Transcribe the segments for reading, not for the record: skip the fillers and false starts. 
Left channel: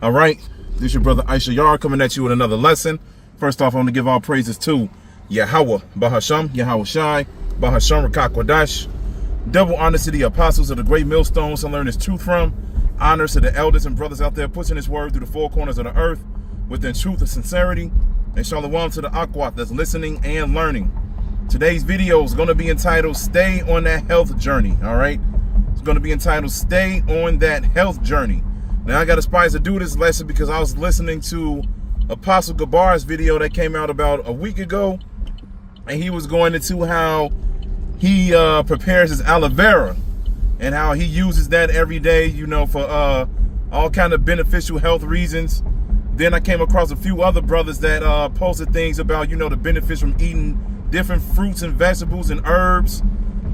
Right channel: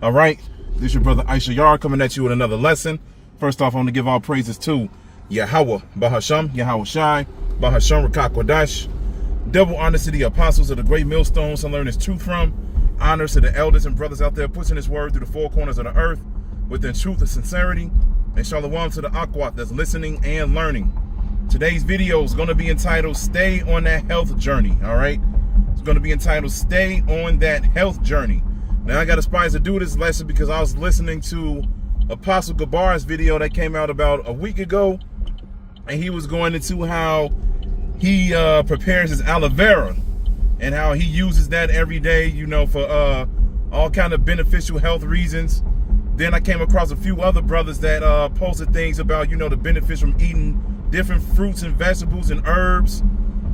All right, this is your brother Aisha Yar coming at you with another lesson. First off, I want to give all praises to Yahweh, Bahasham, Yahweh Shai, Bahasham Rakakwadash. Double honors to the apostles of the great millstones to learn this truth from. Honors to the elders and brothers out there pushing this word through the four corners of the earth within truth and sincerity. And shalom to the Akwat that's listening and learning. Today's video is going to be entitled Stay on That Health Journey. All right, it's going to be entitled Stay on That Health Journey. Now, I got inspired to do this lesson because I was listening to Apostle Gabar's video that came out about a week ago, and he was going into how he prepares his aloe vera and how he uses that every day, you know, for all kind of beneficial health reasons. Then I came across a few other brothers that posted things about, you know, the benefits from eating different fruits and vegetables and herbs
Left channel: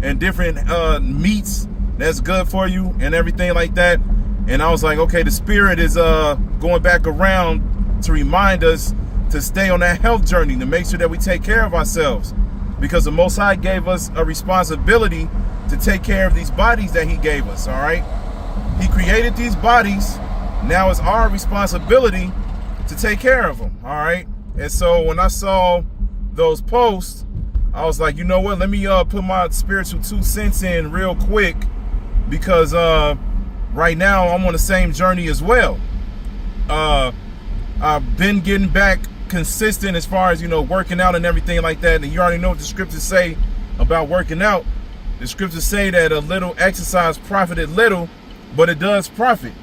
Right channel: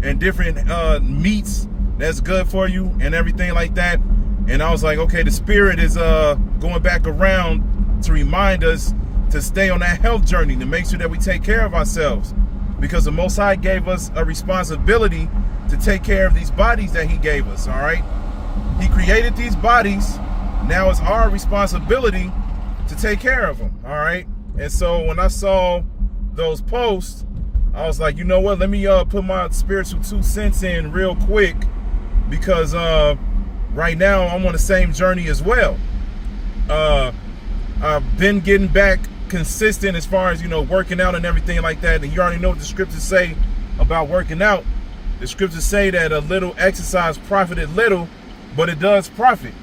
and different meats that's good for you and everything like that. And I was like, okay, the spirit is going back around to remind us to stay on that health journey, to make sure that we take care of ourselves, because the Most High gave us a responsibility to take care of these bodies that he gave us. All right, he created these bodies. Now it's our responsibility to take care of them. All right. And so when I saw those posts, I was like, you know what, let me put my spiritual 2 cents in real quick, because right now I'm on the same journey as well. I've been getting back consistent as far as, you know, working out and everything like that. And you already know what the scriptures say about working out. The scriptures say that a little exercise profited little, but it does profit.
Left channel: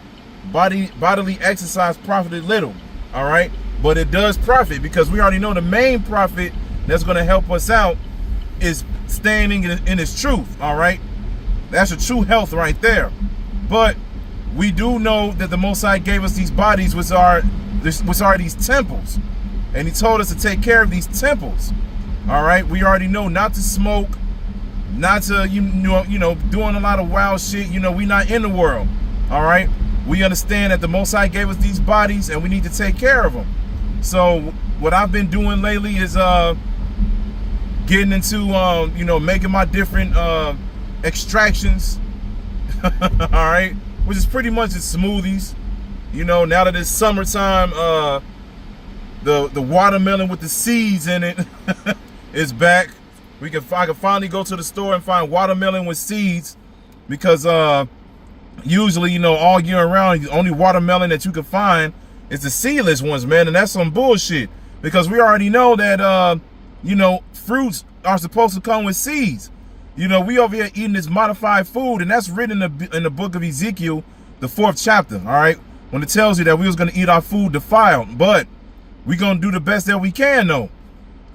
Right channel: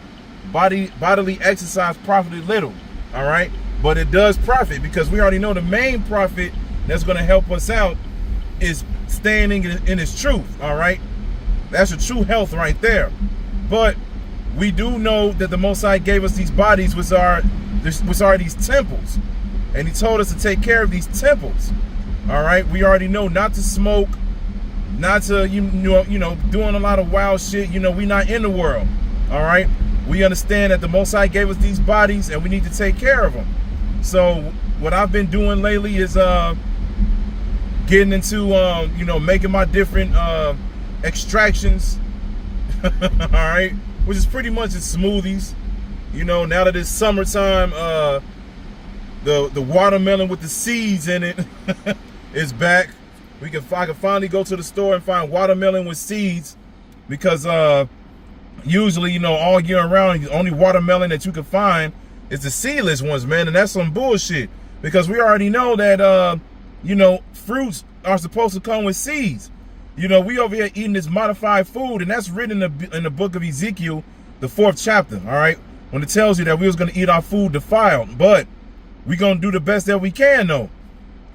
Bodily exercise profited little. All right, but it does profit, because we already know the main profit that's going to help us out is staying in his truth. All right, that's a true health right there. But we do know that the Most High gave us these bodies, which are these temples, and he told us to take care of these temples. All right, we already know not to smoke, not to you know doing a lot of wild shit. You know, we not in the world. All right, we understand that the Most High gave us these bodies, and we need to take care of them. So what I've been doing lately is getting into you know, making my different extractions. All right, which is pretty much just smoothies. You know, now that it's summertime, the watermelon with the seeds in it is back. I can finally go to the store and find watermelon with seeds, because usually, you know, all year round, the only watermelon that you can find is the seedless ones, man, and that's some bullshit, because we already know that you know, fruits are supposed to come with seeds. You know, we over here eating this modified food, and that's written in the book of Ezekiel, the 4th chapter, all right, when it tells you that we was going to eat our food defiled, but we're going to do the best that we can, though.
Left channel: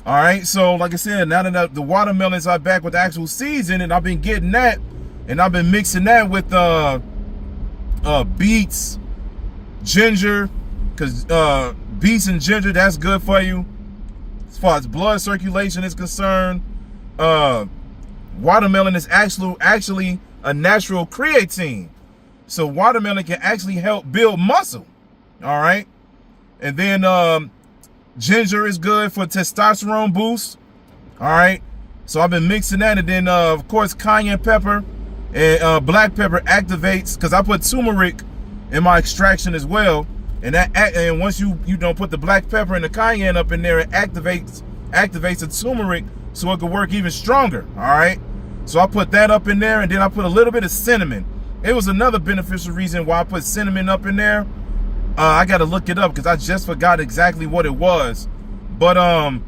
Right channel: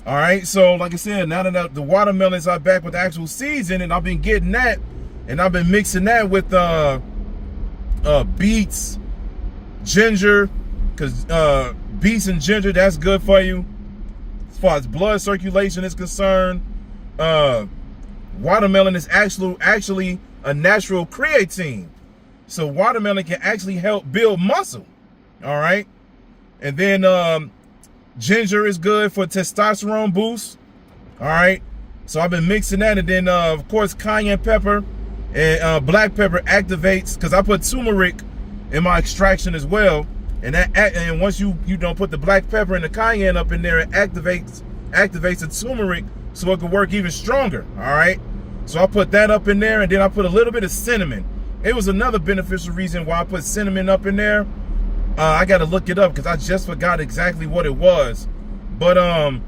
All right, so like I said, now that the watermelons are back with the actual seeds in it, I've been getting that, and I've been mixing that with beets, ginger, because beets and ginger, that's good for you as far as blood circulation is concerned. Watermelon is actually a natural creatine, so watermelon can actually help build muscle. All right, and then ginger is good for testosterone boost. All right, so I've been mixing that, and then of course cayenne pepper and black pepper activates, because I put turmeric in my extraction as well, and and once you don't put the black pepper and the cayenne up in there, it activates the turmeric so it can work even stronger. All right, so I put that up in there, and then I put a little bit of cinnamon. It was another beneficial reason why I put cinnamon up in there. I got to look it up, because I just forgot exactly what it was. But I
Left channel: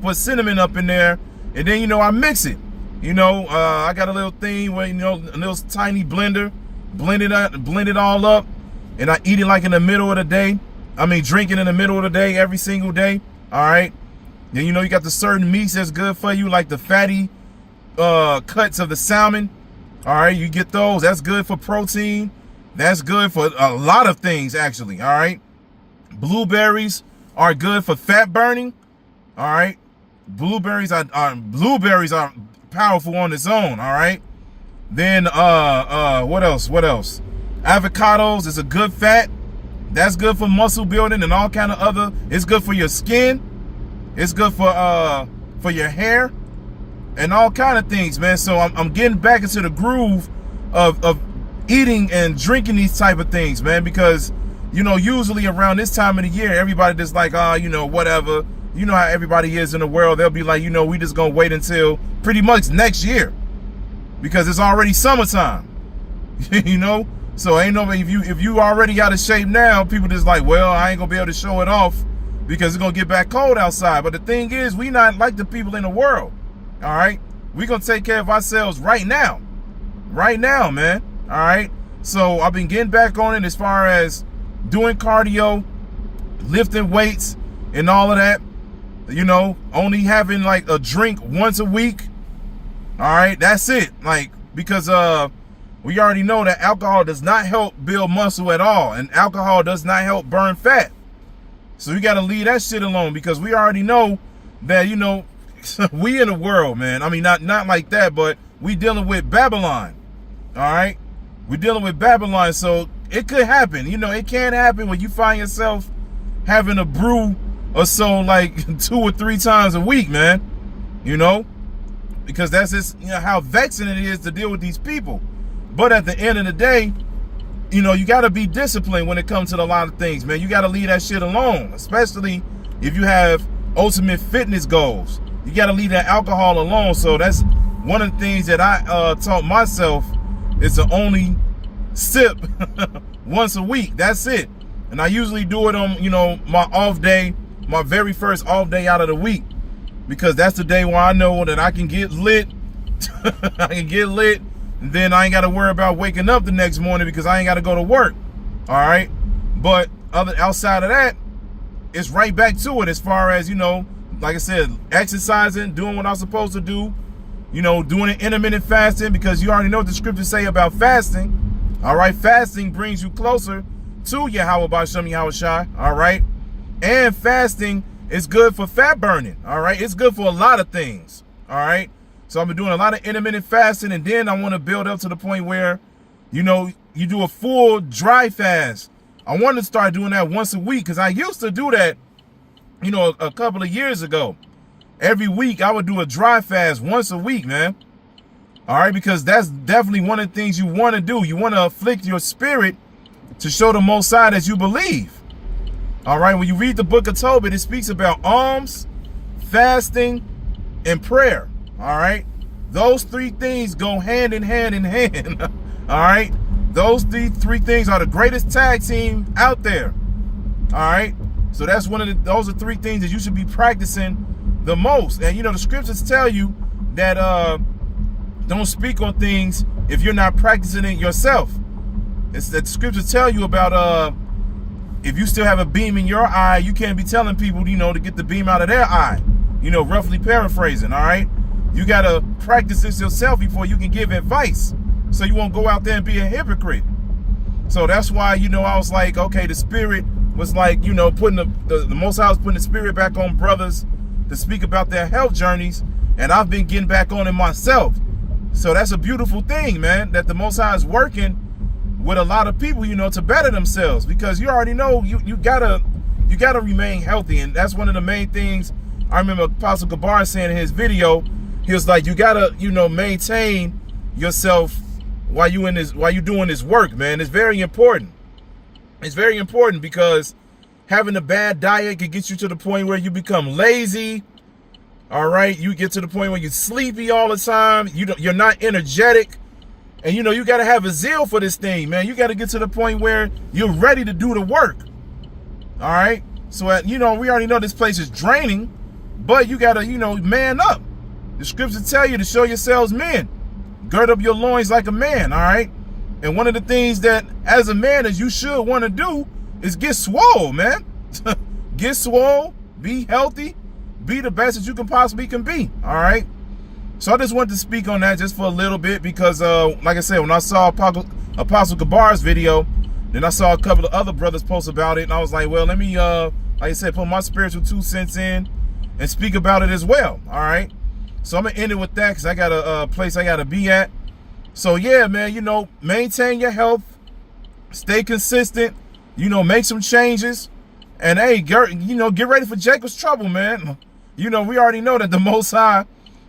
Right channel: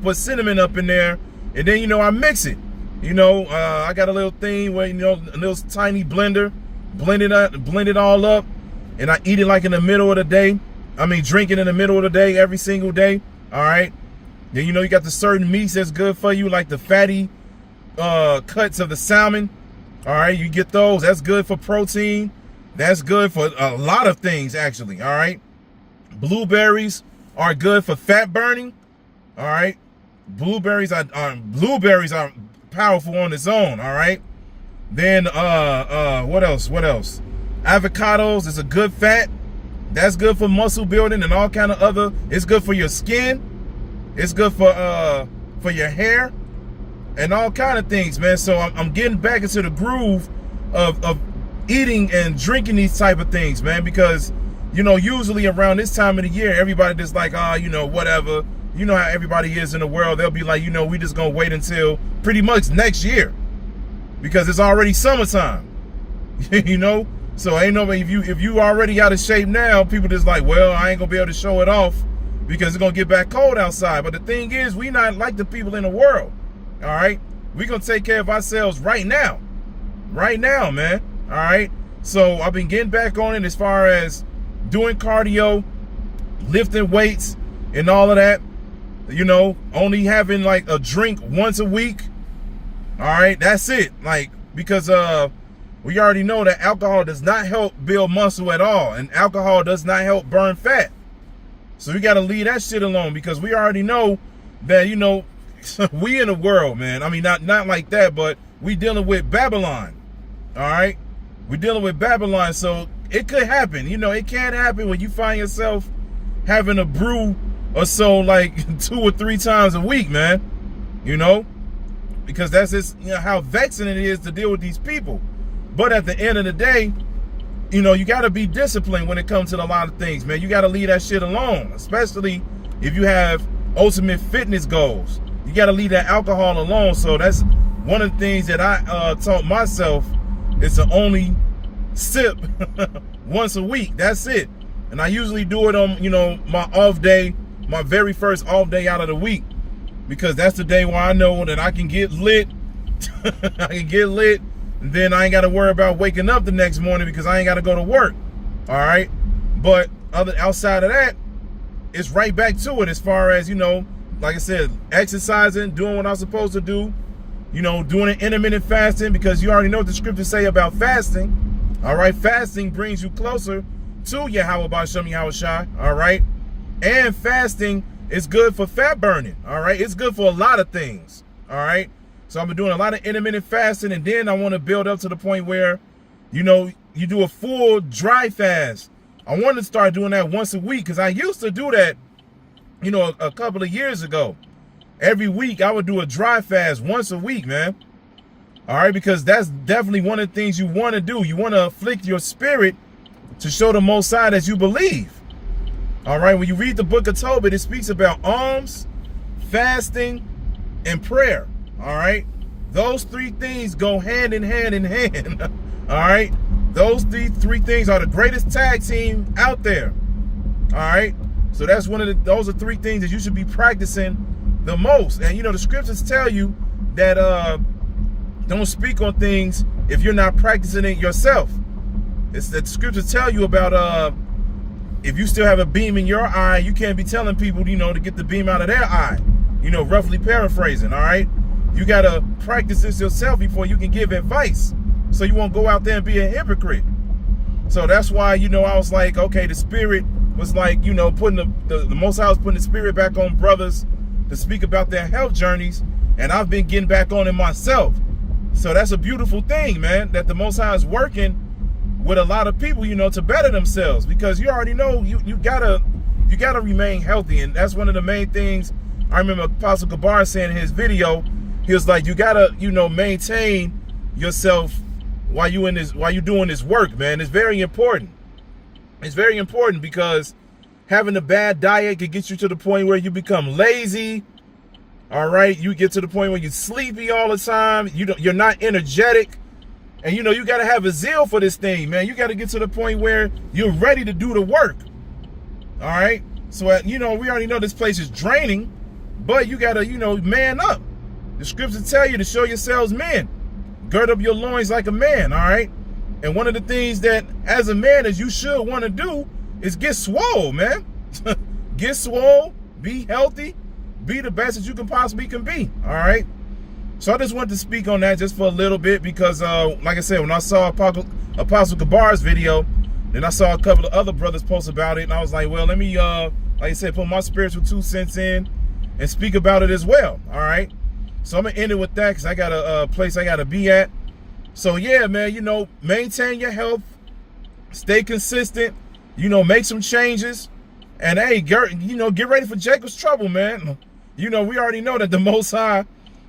put cinnamon up in there, and then, you know, I mix it. You know, I got a little thing where, you know, a little tiny blender, blend it all up, and I eat it like in the middle of the day. I mean, drink it in the middle of the day, every single day. All right. Then, you know, you got the certain meats that's good for you, like the fatty cuts of the salmon. All right, you get those. That's good for protein. That's good for a lot of things, actually. All right, blueberries are good for fat burning. All right, blueberries are powerful on its own. All right, then what else? Avocados is a good fat. That's good for muscle building and all kind of other. It's good for your skin. It's good for your hair and all kind of things, man. So I'm getting back into the groove of eating and drinking these type of things, man, because you know, usually around this time of the year, everybody just like, you know, whatever. You know how everybody is in the world. They'll be like, you know, we just gonna wait until pretty much next year because it's already summertime. You know, so ain't no, if you already out of shape now, people just like, well, I ain't gonna be able to show it off because it's gonna get back cold outside. But the thing is, we not like the people in the world. All right, we gonna take care of ourselves right now, man. All right. So I've been getting back on it as far as doing cardio, lifting weights, and all of that. You know, only having like a drink once a week. All right, that's it. Like, because we already know that alcohol does not help build muscle at all, and alcohol does not help burn fat. So you got to leave that shit alone, because we already know that, you know, we in the world, man. I mean, not like that, but we dealing with Babylon. All right, we dealing with Babylon, so it could happen. You know, it can happen when you find yourself having a brew or so like 2 or 3 times a week, man. You know, because that's just, you know, how vexing it is to deal with these people. But at the end of the day, you know, you got to be disciplined when it comes to a lot of things, man. You got to leave that shit alone, especially if you have ultimate fitness goals. You got to leave that alcohol alone. So that's one of the things that I taught myself, is to only sip once a week. That's it. And I usually do it on, you know, my off day, my very first off day out of the week, because that's the day where I know that I can get lit. I can get lit. And then I ain't got to worry about waking up the next morning because I ain't got to go to work. All right. But outside of that, it's right back to it as far as, you know, like I said, exercising, doing what I'm supposed to do, you know, doing an intermittent fasting, because you already know what the scriptures say about fasting. All right. Fasting brings you closer to Yahweh B'Shem Yahweh Shai. All right. And fasting is good for fat burning. All right. It's good for a lot of things. All right. So I've been doing a lot of intermittent fasting, and then I want to build up to the point where, you know, you do a full dry fast. I want to start doing that once a week, because I used to do that, you know, a couple of years ago. Every week I would do a dry fast once a week, man. All right, because that's definitely one of the things you want to do. You want to afflict your spirit to show the Most High that you believe. All right, when you read the book of Tobit, it speaks about alms, fasting, and prayer. All right, those 3 things go hand in hand in hand. All right, those three things are the greatest tag team out there. All right, so that's those are 3 things that you should be practicing the most. And you know, the scriptures tell you that don't speak on things if you're not practicing it yourself. It's that the scriptures tell you about if you still have a beam in your eye, you can't be telling people, you know, to get the beam out of their eye. You know, roughly paraphrasing. All right. You got to practice this yourself before you can give advice, so you won't go out there and be a hypocrite. So that's why, you know, I was like, okay, the spirit was like, you know, putting the Most High was putting the spirit back on brothers to speak about their health journeys, and I've been getting back on it myself. So that's a beautiful thing, man, that the Most High is working with a lot of people, you know, to better themselves, because you already know you gotta remain healthy. And that's one of the main things I remember Apostle Gabar saying in his video. He was like, you gotta, you know, maintain yourself while you doing this work, man. It's very important. It's very important, because having a bad diet can get you to the point where you become lazy. All right, you get to the point where you're sleepy all the time. You're not energetic, and you know you gotta have a zeal for this thing, man. You gotta get to the point where you're ready to do the work. All right, so you know, we already know this place is draining, but you gotta, you know, man up. The scriptures tell you to show yourselves men. Gird up your loins like a man, all right? And one of the things that, as a man, as you should want to do is get swole, man. Get swole, be healthy, be the best that you can possibly be, all right? So I just wanted to speak on that just for a little bit, because, like I said, when I saw Apostle Gabar's video, then I saw a couple of other brothers post about it, and I was like, well, let me, like I said, put my spiritual 2 cents in and speak about it as well, all right? So I'm going to end it with that, because I got a place I got to be at. So, yeah, man, you know, maintain your health. Stay consistent. You know, make some changes. And, hey, you know, get ready for Jacob's trouble, man. You know, we already know that the Most High,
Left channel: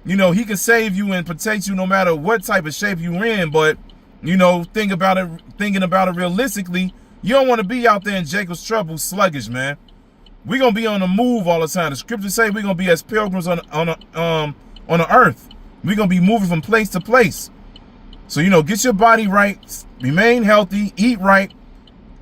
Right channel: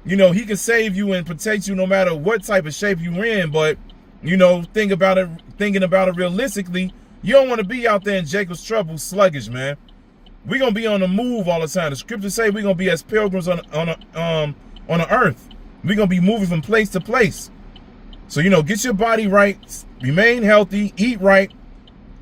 you know, he can save you and protect you no matter what type of shape you're in. But, you know, thinking about it realistically, You don't want to be out there in Jacob's trouble sluggish, man. We're going to be on the move all the time. The scriptures say we're going to be as pilgrims on the earth. We're going to be moving from place to place. So, you know, get your body right, remain healthy, eat right,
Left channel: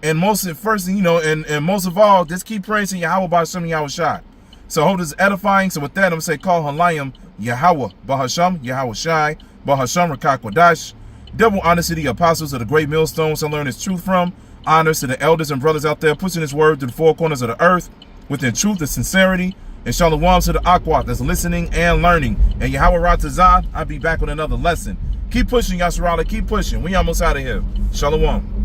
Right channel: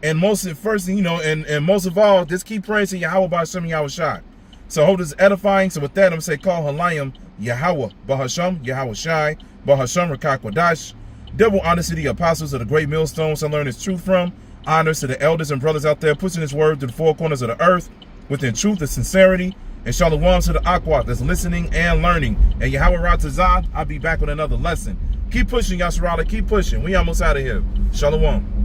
and most of all, just keep praising Yahweh B'Hashem Yahweh Shai. So I hope this is edifying. So with that, I'm going to say, call Halayim Yahweh B'Hashem Yahweh Shai B'Hashem Rakak Wadash. Double honors to the apostles of the great millstones I learned his truth from. Honors to the elders and brothers out there pushing his word to the four corners of the earth within truth and sincerity. And shalom to the Akwat that's listening and learning. And Yahweh Ratazah, I'll be back with another lesson. Keep pushing, Yasharala. Keep pushing. We almost out of here. Shalom.